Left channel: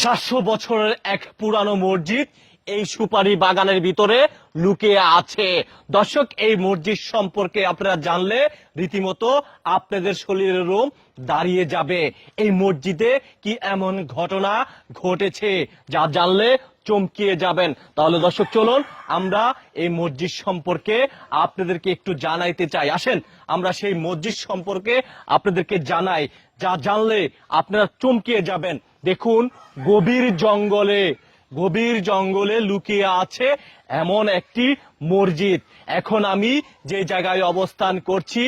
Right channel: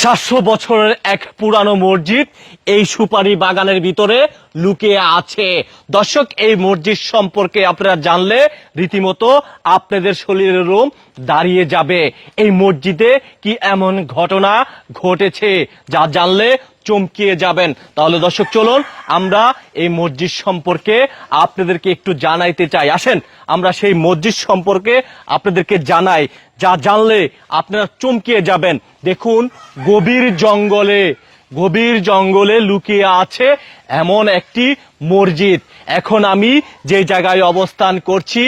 700 বছরের এক পুরানো মসজিদ এই সুপারি বাগানের ভিতরে লুকিয়ে আছে। দর্শক, এই মসজিদ সম্পর্কে আপনারা জানলে রীতিমতো আপনাদের শরীরের রোম দাঁড়িয়ে যাবে। এই মসজিদে কি এমন ঘটনা ঘটেছে যা জানলে চমকিয়ে যাবেন। তাহলে দর্শক, চলুন আমরা এই মসজিদ সম্পর্কে আপনাদেরকে একটু জানাইতে চাই। আসেন আমরা সেই মসজিদ সম্পর্কে আপনাদেরকে জানাই, যা জানলে আপনারা চমকিয়ে যাবেন। দেখুন, গভীর জঙ্গলে লুকিয়ে আছে এমন একটি মসজিদ। এখন আমি যে জায়গায় অবস্থান করছি,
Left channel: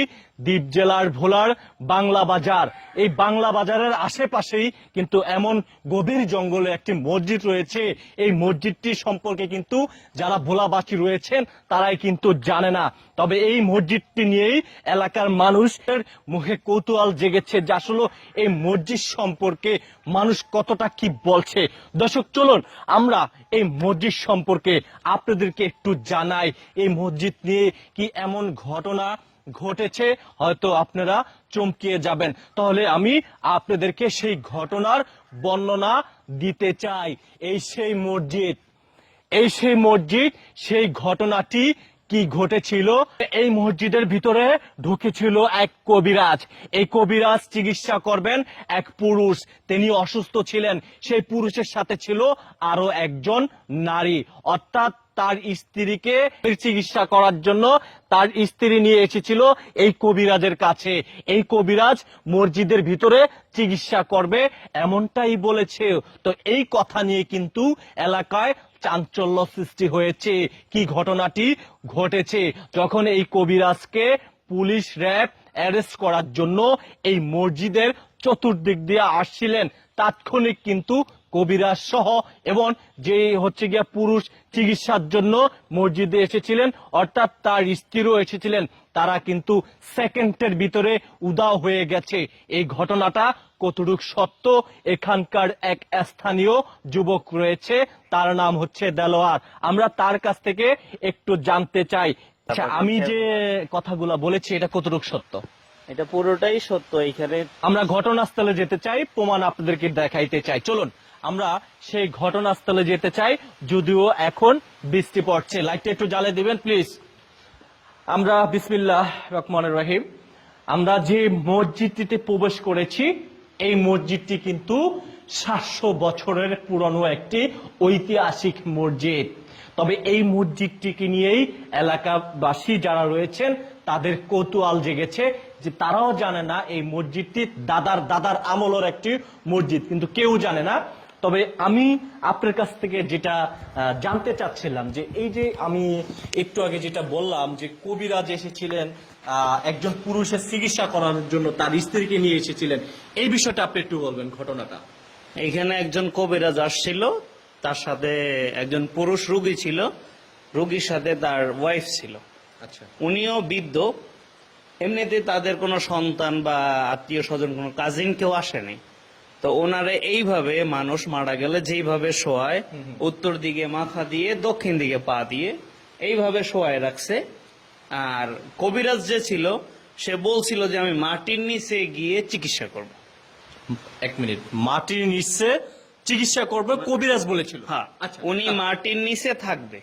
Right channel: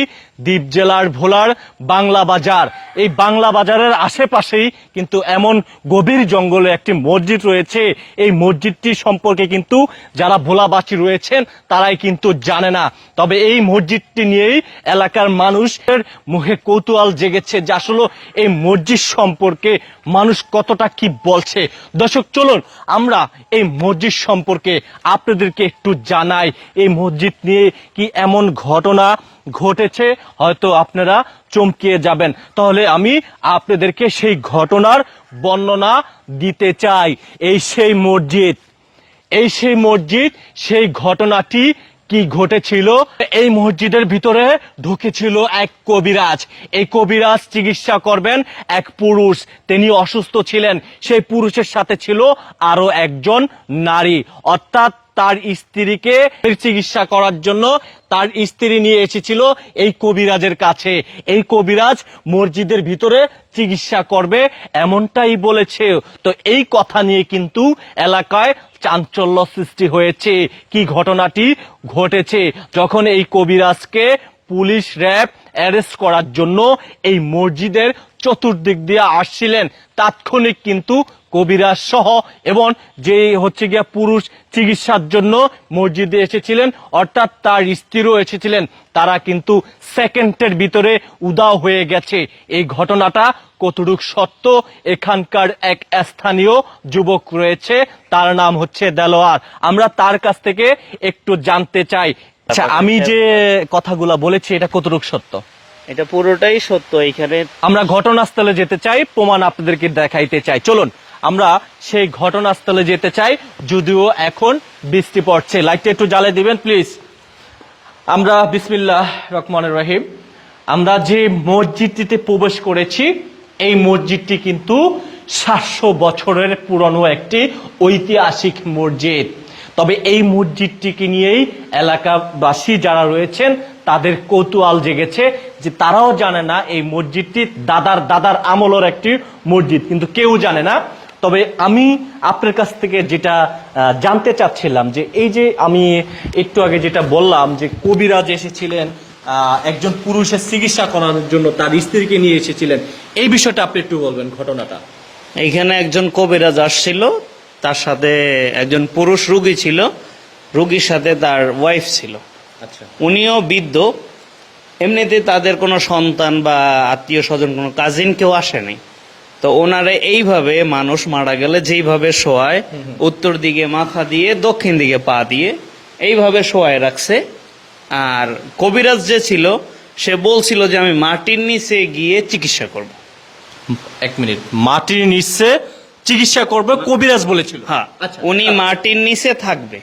দ্বীপ জেলার ভোলার বাংলা বাজার। এই বাংলা বাজারের আশেপাশেই কিন্তু এমন গভীর জঙ্গলে একটি মসজিদ রয়েছে। এই মসজিদটি সম্পর্কে কিন্তু যারা ভোলাবাসী রয়েছেন তারাই কিন্তু জানে না। তবে এই মসজিদটি নিয়েই এলাকার মানুষের মুখে কৌতূহল জেগেছে যে আসলে এই মসজিদ সম্পর্কে মানুষ কতটা কি বলছে। দর্শক, চলুন আমরা এই মসজিদ সম্পর্কে আপনাদেরকে একটু জানাই। এই মসজিদ নিয়ে কি এমন ঘটনা ঘটেছে, হয়তো আপনারা চমকিয়ে যাবেন। তাহলে আমি আপনাদেরকে সেই ঘটনার বর্ণনা দিতে চাই। এই সেই মসজিদ, সেই ঘটনাটি কি ঘটেছিল। এই মসজিদের ভিতরে ঢুকেছিল এক কবিরাজ। এই কবিরাজ চিকিৎসা করবেন এক পুরুষ, তিনি অসুস্থ ছিলেন। সেই পুরুষের সাথে ছিল আরো একজন নারী, অর্থাৎ তার স্ত্রীকে চিকিৎসা করার জন্য তার স্ত্রী নিয়ে এসেছিল এই কবিরাজের কাছে। এই কবিরাজ মসজিদের ভিতরে চিকিৎসা করবে এমনটাই বলেছে। তো এই কথা নিয়ে কিন্তু এলাকায় চাঞ্চল্য সৃষ্টি হয়েছে। কি ঘটনাটি ঘটেছে, যখন এই কবিরাজকে পুলিশ র্যাব অ্যারেস্ট করার জন্য এই মসজিদের চতুর্দিক দিয়ে আসছিলেন, তাৎক্ষণিক কিন্তু কবিরাজ সহ এবং যে পুরুষ চিকিৎসার জন্য মসজিদে এসেছিলেন, অর্থাৎ তার স্ত্রীও এসেছিলেন, তারা কিন্তু সেকেন্ডের ভিতরে উধাও হয়ে গেছে। এই ঘটনাটা কতটুকু সত্য, এখানকার এক স্থানীয় যুবক রয়েছে, তার নাম হচ্ছে দেলোয়ার। আমরা তার কাছ থেকে একটু জানতে চাই। আচ্ছা, আমি যে কথাগুলা বলেছি এটা কতটুকু সত্য? এটা পুরোটাই সত্য। এখানে আমরা ঘটনাস্থলে যেতে চাই, প্রমাণ আপনাদেরকে দেখাইতে চাই। চলুন আমরা সেই ঘটনাস্থলে যেতে চাই, যদিও এখন বৃষ্টি পড়ছে। লাইটটা একটু জ্বালিয়ে দিবেন প্লিজ। আমরা বিসমিল্লাহ রহমানির রহিম, আমরা যে মসজিদটিতে প্রবেশ করেছি, এই মসজিদটি কিন্তু 700 বছরের পুরনো একটি ঐতিহাসিক মসজিদ। তবে এই মসজিদটিকে নিয়েই এলাকাবাসী যারা রয়েছেন তাদের কৌতূহল জেগেছে, যে তারাও জানে না এই মসজিদটি দাদার আমলের একটি মসজিদ, কিন্তু কেউ জানে না। তবে আমি আপনার কাছ থেকে যেটা জানতে চাচ্ছিলাম, যে এই যে আমি একটু আগে যেটা বললাম যে কবিরাজ এসেছিলেন একজন পুরুষের চিকিৎসা করার জন্য, তার স্ত্রীকে নিয়ে এসেছিলেন, এই বিষয়টা আপনি একটু বলবেন ঘটনাটা। এইখানে একজন কবিরাজ আসছিল, তার সাথে একজন পুরুষ রোগী ছিল, রোগীর সাথে তার ওয়াইফ ছিল। আচ্ছা, উনিও বৃদ্ধ। এমনিতে তাদের কোনো সন্তান বা আত্মীয় স্বজন, কোনো কাজিন কেউ আসেনি। তো ওনারা এইভাবে মানুষ মারা গেলে যেইভাবে শোয়ায়, উত্তর দিকে মাথা দিয়ে দক্ষিণ দিকে পা দিয়ে এইভাবে শোয়ায় রাখছে। আর কবিরাজ যে ছিল সে বলছিল যে আমি মাটির নিচে গিয়ে চিকিৎসা করব। এক মিনিট, মাটির নিচে চিকিৎসা করবে কবিরাজ বলেছিল? হ্যাঁ, উনি মাটির নিচে থাকবে,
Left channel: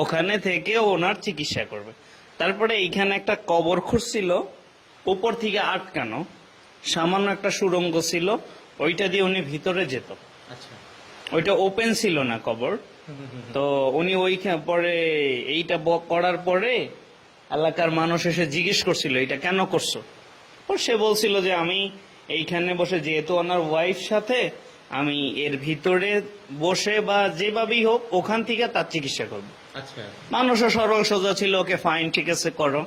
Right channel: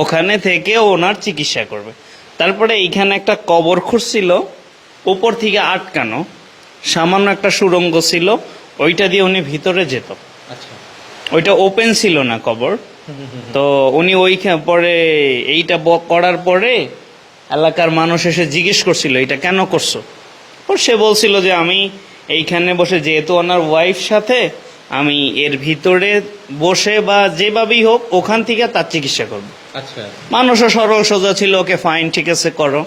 ওখানে থেকে ওনার চিকিৎসা করবে। তারপরে এইখানে একটা কবর খুঁড়ছিল, উপর থেকে আটকানো সামান্য একটা সুড়ঙ্গ ছিল, ওইটা দিয়ে উনি ভিতরে যেত। আচ্ছা, ওইটা ওপেন ছিল না কবর। তো উনি ওইখানে পরে এইটা করার পরে এলাকার মানুষ এসে জিজ্ঞেস করছিল এটা কেন করছো। সে বলছিল যে আমি এইখানে বসে, যেহেতু ওনার ওয়াইফ সাথে, আমি এর ভিতরে বসে বা যেভাবেই হোক ওখান থেকে তার চিকিৎসা করবো। আচ্ছা, মানুষও সরল সোজা ছিল, ওকে ফাইন, ঠিক আছে করো।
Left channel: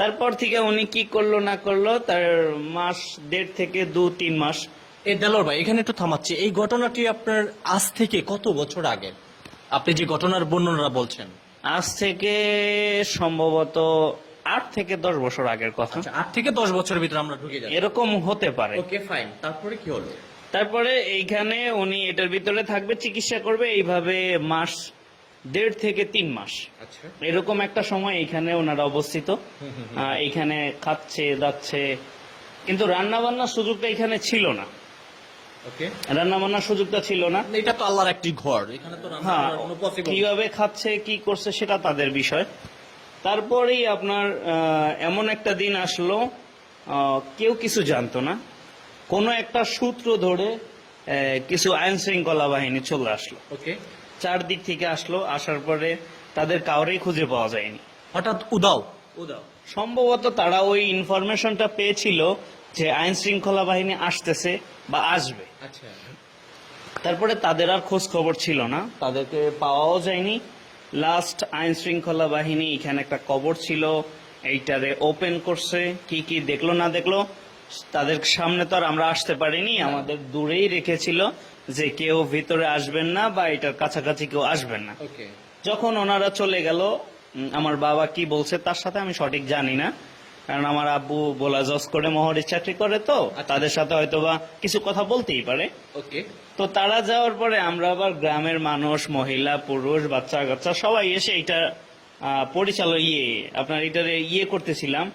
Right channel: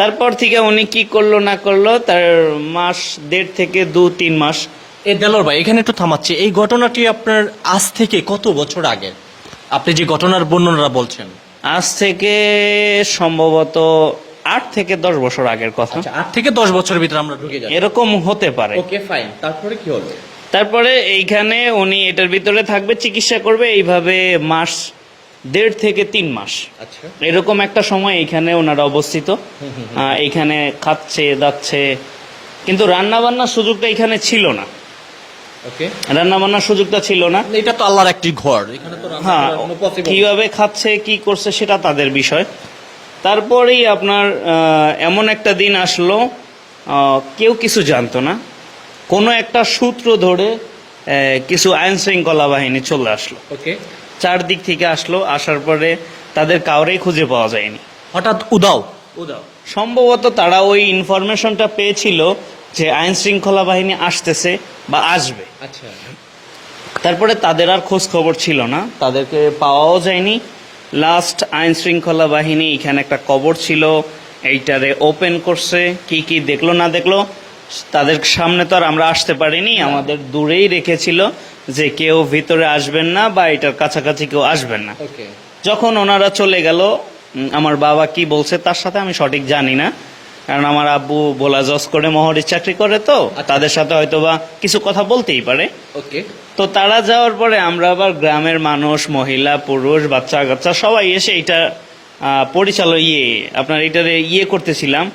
তারপর থেকে উনি কি করলো না করলো, তার মাস 1.5 থেকে 2-3 মাস। দেলোয়ার ভাই, এখানে একটু থামাচ্ছি। এই ঘটনাটি আপনার আজ থেকে কত বছর আগে, আপনি যে ঘটনার বর্ণনা বলছেন? আজ থেকে সম্ভবত 8 থেকে 10 বছর আগের কথা। 8 থেকে 10 বছরের ভিতরে আমরা ঢুকে যাই, এরকম হতে পারে। ওকে ফাইন, তারপরে কি হলো? তারপরে এইখানে উনি এটার ভিতরে থাকবে, চিকিৎসা করবে, এইভাবে মাস 1.5 থেকে 3 মাস। আচ্ছা, এরকম একটা সময় এইখানে ওনারা অবস্থিত। এইখানে খাচ্ছে যাচ্ছে, কিন্তু রান্না বান্নার সুযোগটা এখানে ছিল না। ওকে, রান্না বান্নার সুযোগটা ছিল না। এটা তো আল্লাহর একটি ঘর, এখানে তো রান্না হ্যাঁ, করা কোনো possible না। কিভাবে খাচ্ছে কি করছে সেটা তাদের বিষয়। তারপরেই আপনার এমন একটা দিন আসলো, কেউ কিছু জানতো না, কোনো একটা সূত্র ধরে কিছু আইন শৃঙ্খলা বাহিনী চলে আসলো, ওকে, চারদিক থেকে আসলো, আসার পরে তাদের কাউরেই খুঁজে পাওয়া যায়নি। হঠাৎ উদাও। সম্ভবত তারা ওই ইনফরমেশনটা পেয়েছিল যে আইন শৃঙ্খলা বাহিনী আসতেছে বা আসবে। আচ্ছা, তারপরে তাদের আর খোঁজ খবর ছিল না, তাদেরকে পাওয়াও যায়নি। লাস্ট আইন শৃঙ্খলা বাহিনী এখানে একটা কবর ছিল, এইটারে ওপেন করছে, কি কি দেখলো না দেখলো তাদের সামনে তো আর আমরা আসতে পারিনি, আমাদের দূরেই রেখেছিল যে কেউ ভিতরে আসবেন না বা এটার কাছাকাছি কেউ আসবেন না। ওকে, যখন ওনারা চলে গেল, আমার বাবা কি বলছে তার সাথে আমি সঠিক জানি না, কারণ আমার আব্বু ভোলা জজ করে মহরির চাকরি করে, তো তাদের সাথে হয়তো বা কিছু কথা বলতেই পারে। ওকে, তো তারা যাওয়ার পরে আমরা আবার গ্রামের মানুষ, মহিলা পুরুষ বাচ্চা কাচ্চা সবাই এসে এটা আপনার এটারে করতেছিলাম,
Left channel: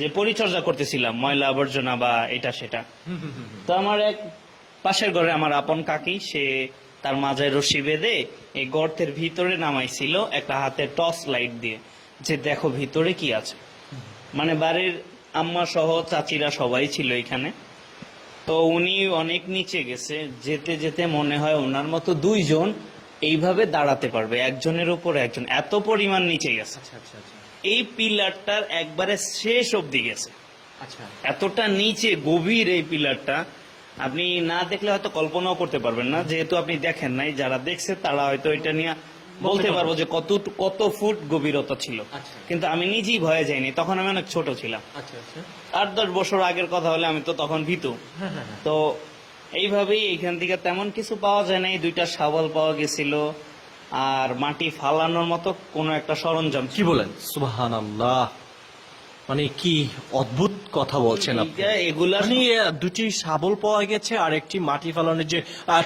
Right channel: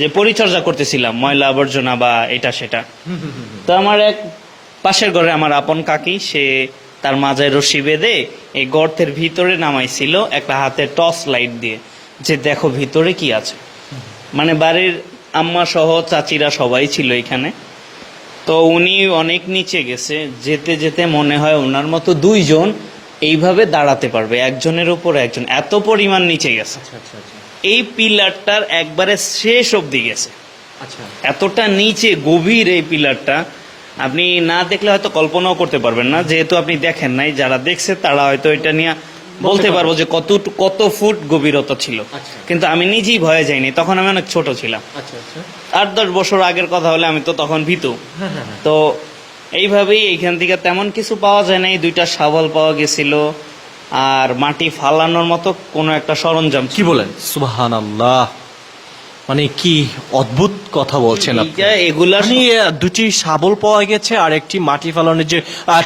যে পরিচর্যা করতেছিলাম, ময়লা আবর্জনা বা এটা সেটা। তো আমার এক পাশের ঘরে আমার আপন কাকি, সে তার মাজায় রশি বেঁধে এই গর্তের ভিতরে নামাইছিল একটা হাতে টর্চ লাইট দিয়ে, যে দেখো ভিতরে কি আছে। মানে বাড়ির আম্মা সহ চাচিরা সবাই ছিল এখানে। তো উনি অনেক নিচে গেছে, যেতে যেতে মনে হয় ওনার মতো দুইজন এইভাবে দাঁড়াতে পারবে, একজনের উপর একজন, এত পরিমাণ নিচে গেছে। আচ্ছা, আচ্ছা, আচ্ছা, এই পিলারটার একবারে শেষ অবধি গেছে, আচ্ছা, এতটা নিচে গভীর এই পিলারটা। আপনি না দেখলে হয়তো কল্পনাও করতে পারবেন না, যেহেতু আপনি দেখেন নাই। যারা দেখছে তারা হয়তো এটা নিয়ে বলতে পারবো যে কত ফুট গভীরতা ছিল। আচ্ছা। কিন্তু আমি নিজেই ভয়ে যাইনি, তখন আমি অনেক ছোট ছিলাম। আচ্ছা, আচ্ছা, 8-10 বছর আগের কথা হলে আমি তো তখন ভীতু। তো এইভাবেই এইখান থেকে তেমন কিছু পাওয়া যায় নাই, 2টা শাবল পাওয়া গেছিল আর মাটি ফালানোর মতো কোনো একটা সরঞ্জাম কি বলেন, সুবহানাল্লাহ, মানে কি অদ্ভুত কথা বলছেন আপনি। এগুলা মানে দুটি শাবল পাওয়া গেছে আর একটি মাটি ফালানোর যে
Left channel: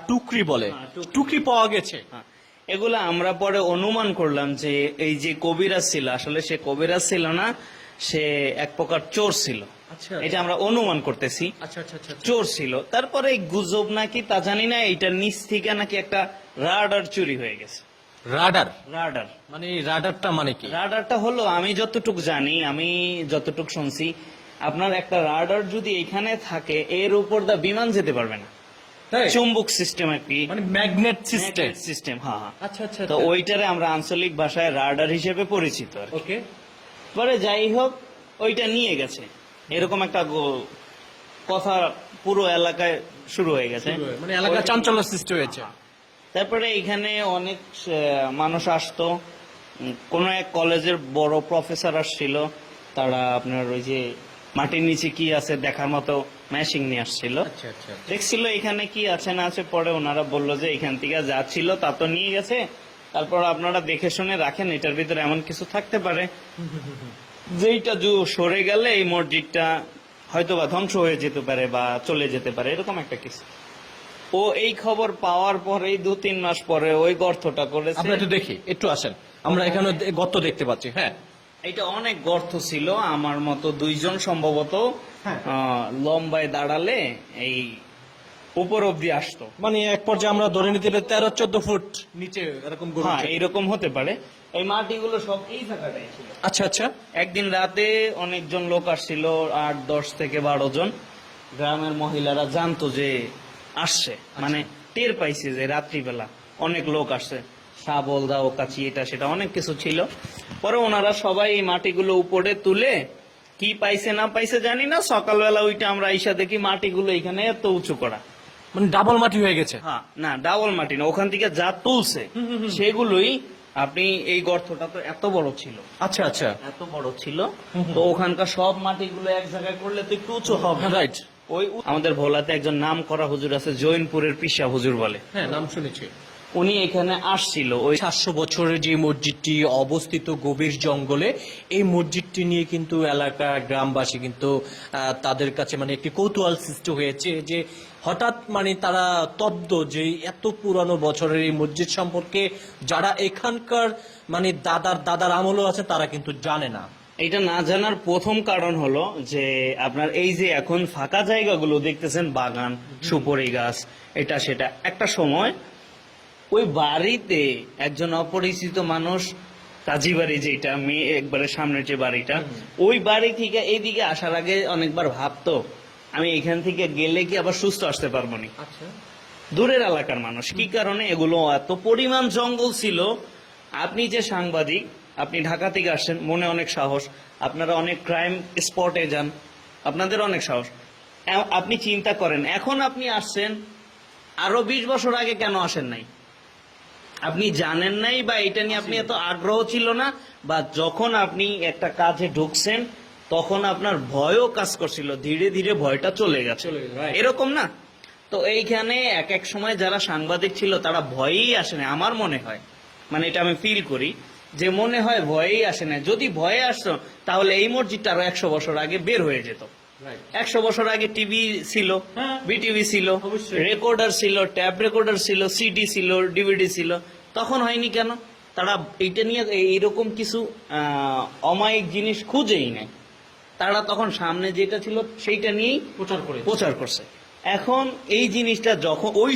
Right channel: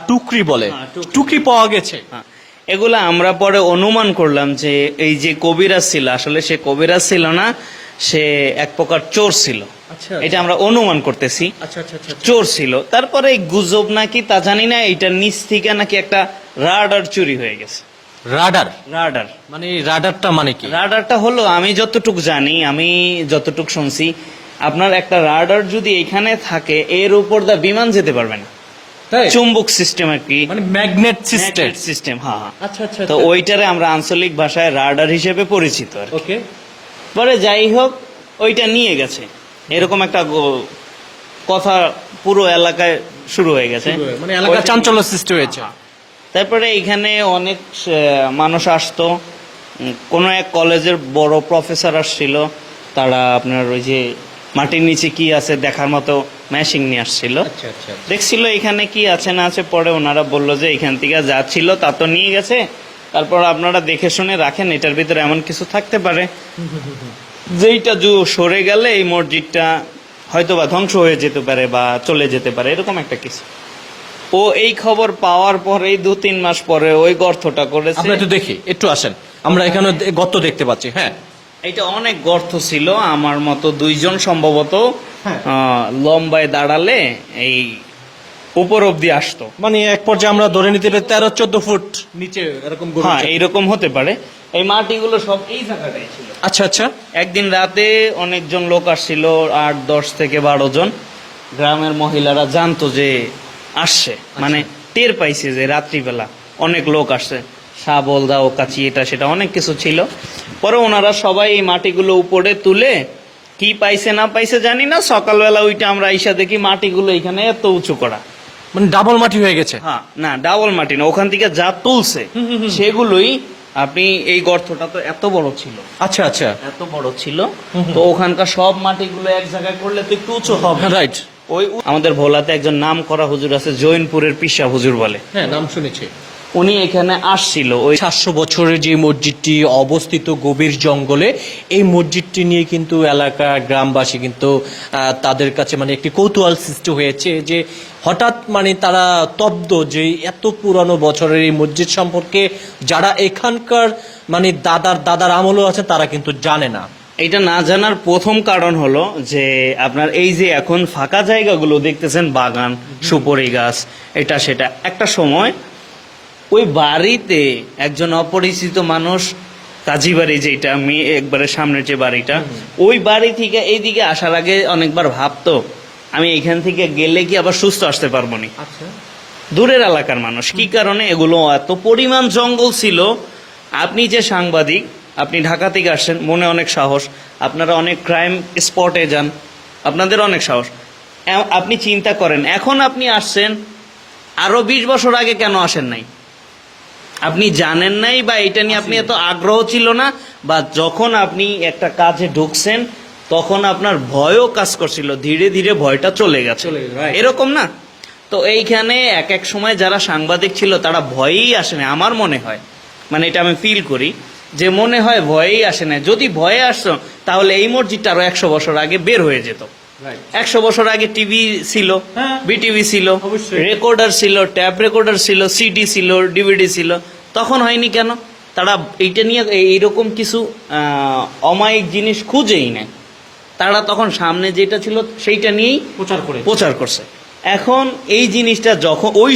টুকরি বলে, হ্যাঁ, টুকরি। টুকরি পাওয়া গেছে। হ্যাঁ, এগুলা আমরা পরে অনুমান করলাম যে এই যে কবিরাজ ছিল, আসলে সে কবিরাজ ছিল না, সে এক প্রকার চোর ছিল। আচ্ছা, এটা আমরা অনুমান করতেছি আচ্ছা, আচ্ছা, আচ্ছা, চোর ছিল। তারপরে এই গুজব নাকি তা জানি না, এইটার নিচ থেকে নাকি একটা রাডার চুরি হয়ে গেছে। রাডার, রাডার মানে রাডারটা মানে কি? রাডারটা হলো, আমি যতটুক জানি, আমি যতটুক শুনছি, আপনার একটা রাডার যদি এখানে থাকে, এর উপর দা বিমান যেতে পারবে না। তাই? চুম্বক সিস্টেম আর কি, মানে ম্যাগনেট সিস্টেম। সিস্টেম। হ্যাঁ, হ্যাঁ। আচ্ছা, আচ্ছা, তো ওইটারে আমরা আঞ্চলিক ভাষায় রাডার হিসেবে পরিচিত আর কি। ওকে, পরে যাই হোক, ওইটা নিয়ে গেছে, এরকম একটা কথা পুরো এলাকায় শুরু হয়ে গেছে। মানে এলাকা চাঞ্চল্য সৃষ্টি হয়েছে। তারপরে এখানে অনেক মানুষ আসতো, কোনো এক কলেজের বড় প্রফেসর আসছিল, তারা আপনার ওই যে মাটির নিচে কি আছে দেখার মতো ম্যাশিং নিয়ে আসছিল, আচ্ছা, আচ্ছা, দেখছিল এখানে কি আছে না আছে। পরে ওনারা বললো যে এখান থেকে যা ছিল তা তো নিয়ে গেছে, তারপর আপনারা দেখে শুনে রাখেন, এটার ভিতরে এমন কিছু থাকতে পারে যেইটা সরে গেলে এই মসজিদটা হয়তো বা ধ্বংস হয়ে যেতে পারে বা চলে যেতে পারে, এরকম একটা কিছু। ও এই খবর পাওয়ার পরেই 2-3 মাস পরে ওই গর্তটা করেছে। আমরা একটু দেখি, একটু আসেন, আমরা এখানে গর্ত দেখতে পাচ্ছি। হ্যাঁ, এটা অনেক গর্ত ছিল, আমার মতো 2জন সম্ভবত হ্যাঁ। লম্বায় দাঁড়ালে এই উপর অব্দি আসতো। মানে এক পর্যায়ে আমরা ধরে নিতে পারি 13-14 ফুট নিচে এরকম গভীর হ্যাঁ, ছিল। এইরকম হতে পারে। এই মাটিগুলো সব এই জায়গাটাই ছিল। আচ্ছা, আচ্ছা, একদিন রাতে অনেকজন লোক আসছিল, 8-10 থেকে 12 জন। গ্রামের মহিলারা জানতো যে আসছে, মানে টের পাইছে যে রাত্রিবেলা অনেক লোক আসছে, শাবল দাও কাচি এটা সেটা অনেক কিছু ছিল। পরে ওনারা সবাই এই মাটিগুলো উপরে তুলে কি পাইছে না পাইছে জানি না, সকালবেলা ওইটা আমরা আইসা দেখি মাটিগুলো এখানে এত উঁচু করা। মানে ডাবল মাটি হয়ে গেছে। হ্যাঁ, না ডাবল মাটি না, ওখান থেকে যা তুলছে সেগুলোই। আপনি এই গর্তটা তো এত বড় ছিল, আচ্ছা, আচ্ছা, এত বড় ছিল, তো ওখানকার সব মাটিগুলো এক জায়গায় করলে তো একটু উঁচু হবে। রাইট। ওই আমাদের ভোলাতে একজন নাম করা হুজুর আছে, জৈনপুরের পিসা হুজুর বলে, হ্যাঁ, নাম শুনেছি। উনি এখানে আসছিল। ওই 700 বছরের যে মসজিদটি অবস্থিত গভীর জঙ্গলে, এই মসজিদটি নিয়ে কিন্তু এলাকা গ্রামবাসী কিন্তু তাদের কাছে মানে একটি কৌতূহল সৃষ্টি হয়েছে যে হঠাৎ মানে তারা তব্দ যে এত পুরানো বছরের এই মসজিদ সম্পর্কে যারা এখানকার মানে দাদার আমলও আছে তারা কিন্তু জানে না। এটা না জানার প্রথম কারণ হলো যে আপনার এই যে এখন ফাঁকা জায়গাগুলো দেখতেছেন, বাগান, সুপারি গাছ, এটা সেটা, একটা সময় ওই বাড়িতে একজন অপরিচিত মানুষ, কাজী বাড়ি যেটা আমি একবারে সামনের যে বাড়িটা, ওই বাড়ি থেকে এইদিকে আসার আগে অনেকবার ভাবতো আমি এখান থেকে গেলে কি আবার সুস্থ আসতে পারবো না। আচ্ছা, দূরের এলাকার মানুষ, কি কারণে, এগুলো এত পরিমাণ জঙ্গল ছিল। আপনি যে সাংবাদিক, আপনি ঢাকা থেকে আসছেন, মনে অনেক সাহস, আপনারা অনেক ক্রাইম স্পটে যান, আপনাদের অনেক সাহস। আপনি চিন্তা করেন, এখন আপনি আসছেন, আরো 20 বছর আগে কেন আসেন নাই? আপনি জানেন নাই, বা এটা নিয়ে আপনি এত আগ্রহ ছিল না, বা যখন আপনি একটা কাজে ঢুকছেন তখন আপনার ভয়ও কাজ করছিল, ধীরে ধীরে ভয়টা চলে গেছে, right. এরকম না? তো এইখানে এক এক সময় যারা সাংবাদিক ছিল তারা ভয়েই আসে না, আমার মনে হয়, মানে এটা আমি ফিল করি যে মনে হয় ভয়েই আসে না। যদি ভয়ে আসতো তাহলে এই মসজিদটা আরো 100 বছর আগে বের হয়ে যেত। 100 বছর আগে টিভি ছিল, হ্যাঁ, বিটিভি ছিল, অবশ্যই। রেকর্ডার ছিল, ট্যাপ রেকর্ডার ছিল, সিডি ছিল, ডিভিডি ছিল, তখন হয়নি কেন? তারা এইটা নিয়ে এইরকম কিছু অমায়িক জিনিস খুঁজেই নেয়, তারা তখন সামনে যেটা ছিল সেইটা নিয়েই প্রচার করে প্রচার করছে। এখন এই জিনিসটা যখন ওই